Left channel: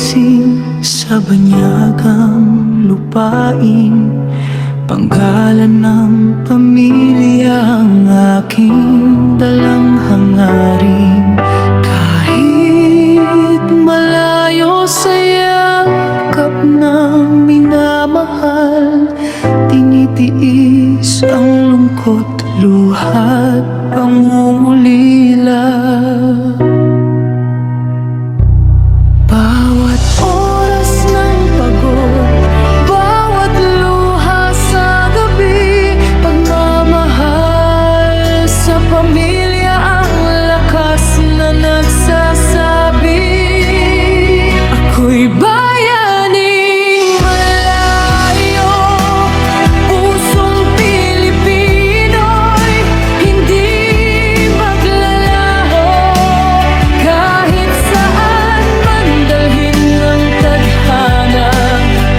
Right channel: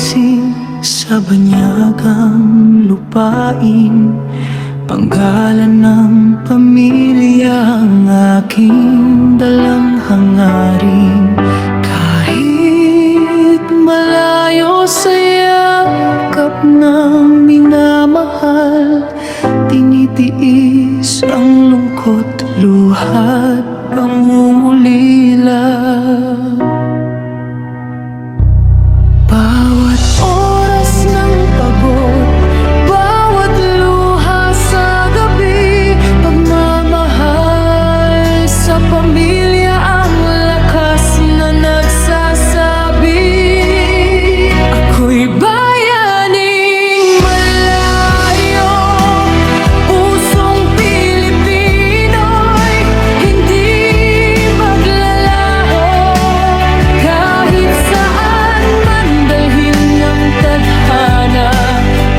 ginising sa banyagang lupain. Panggalan ng pamilya ang aking dalang hangarin. Kahit malayo sa yakap ng minamahal, tinitiis ang lungkot, luha't pangungulila. Bawat oras ng pagod, bawat luha sa gabi, pagmamahal sa pamilya ang lakas na nagsasabi. Ako'y bayaning malayo, pusong Pilipino'y hindi maglalaho. Kahit saan man dalhin ng tadhana,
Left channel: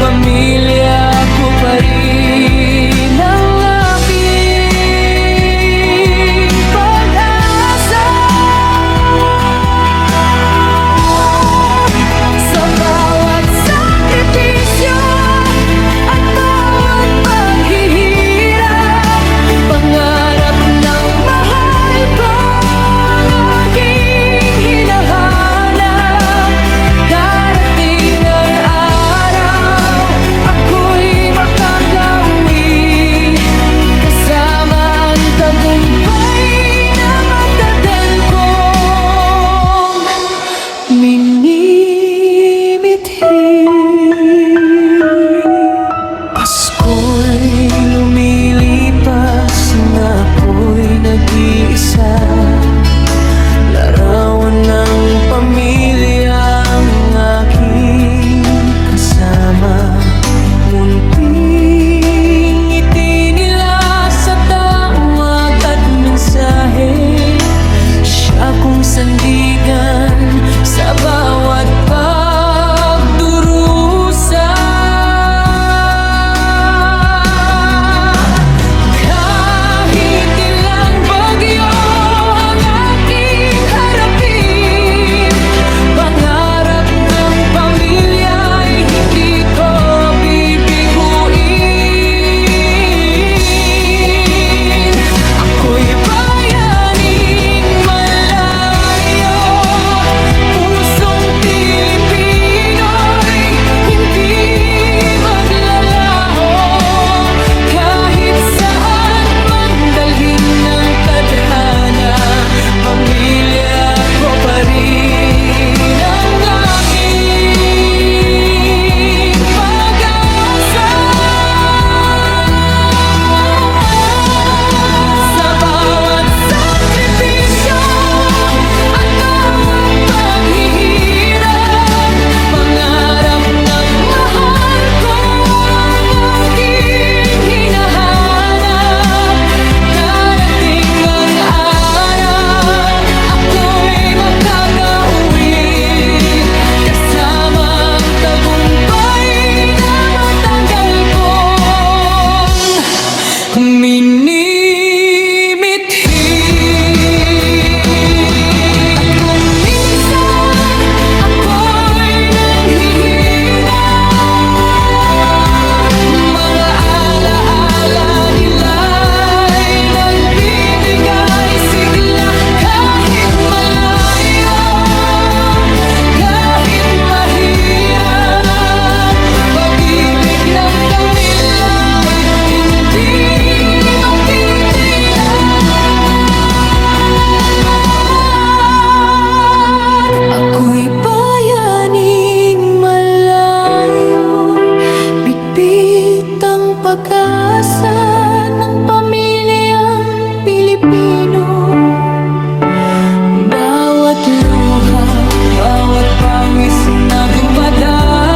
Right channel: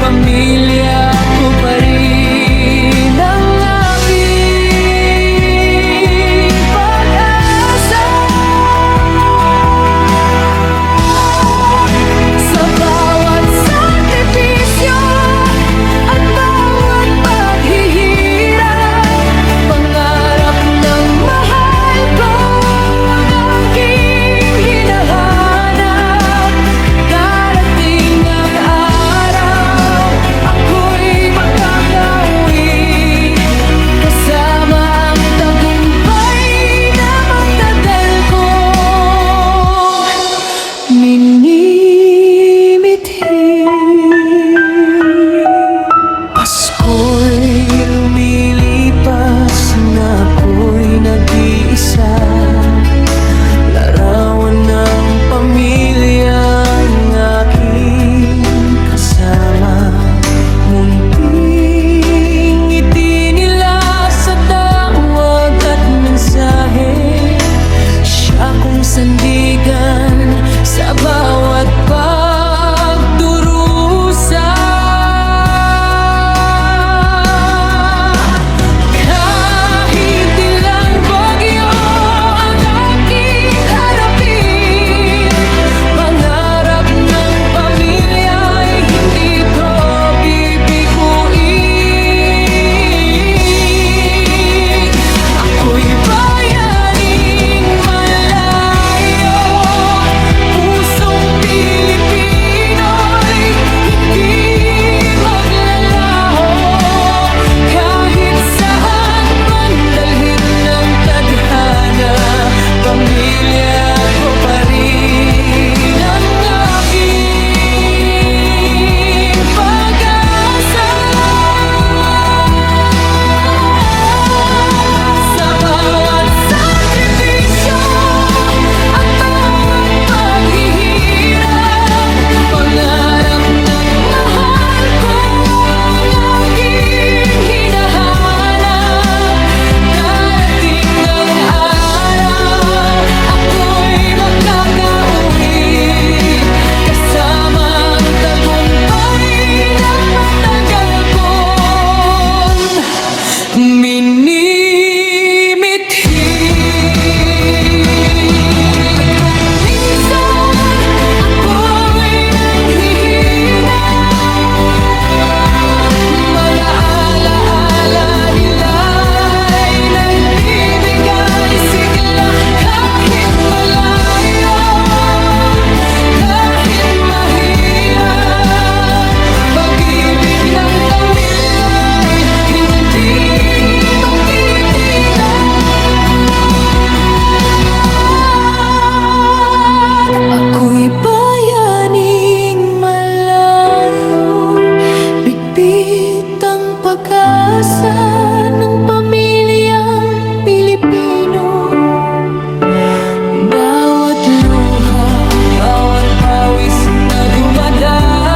pamilya ko pa rin ang aking pag-asa. Sa bawat sakripisyo at bawat paghihirap, pangarap ng mahal ko ang aking hinahanap. Darating ang araw, ako'y makakauwi kasama ang tagumpay na matagal kong minimithi. Pasko'y lumilipas na ako'y nag-iisa, larawan ng pamilya ang aking kasama. Munting ngiti nila sa tawag at mensahe, siya kong sandigan sa bawat pagdurusa. Kahit ilang bagyo ang aking harapin, pangarap ng pamilya ay hindi ko bibiguin. Ako'y bayaning malayo, pusong Pilipino'y hindi maglalaho. Kahit saan man dalhin ng tadhana, pamilya ko pa rin ang aking pag-asa. Sa bawat sakripisyo at bawat paghihirap, pangarap ng mahal ko ang aking hinahanap. Darating ang araw, ako'y makakauwi kasama ang tagumpay na matagal kong minimithi. At kung minsan ako'y nanghihina, mga alaala nila'y nagbibigay sigla. Kahit malayo, kahit mahirap, pag-ibig ng tamila'y hindi magtitigan. Ako'y bayaning malayo, bitbit ang pag-asa ng pamilyang Pilipino. Bawat luha, bawat pawis na dumadaloy,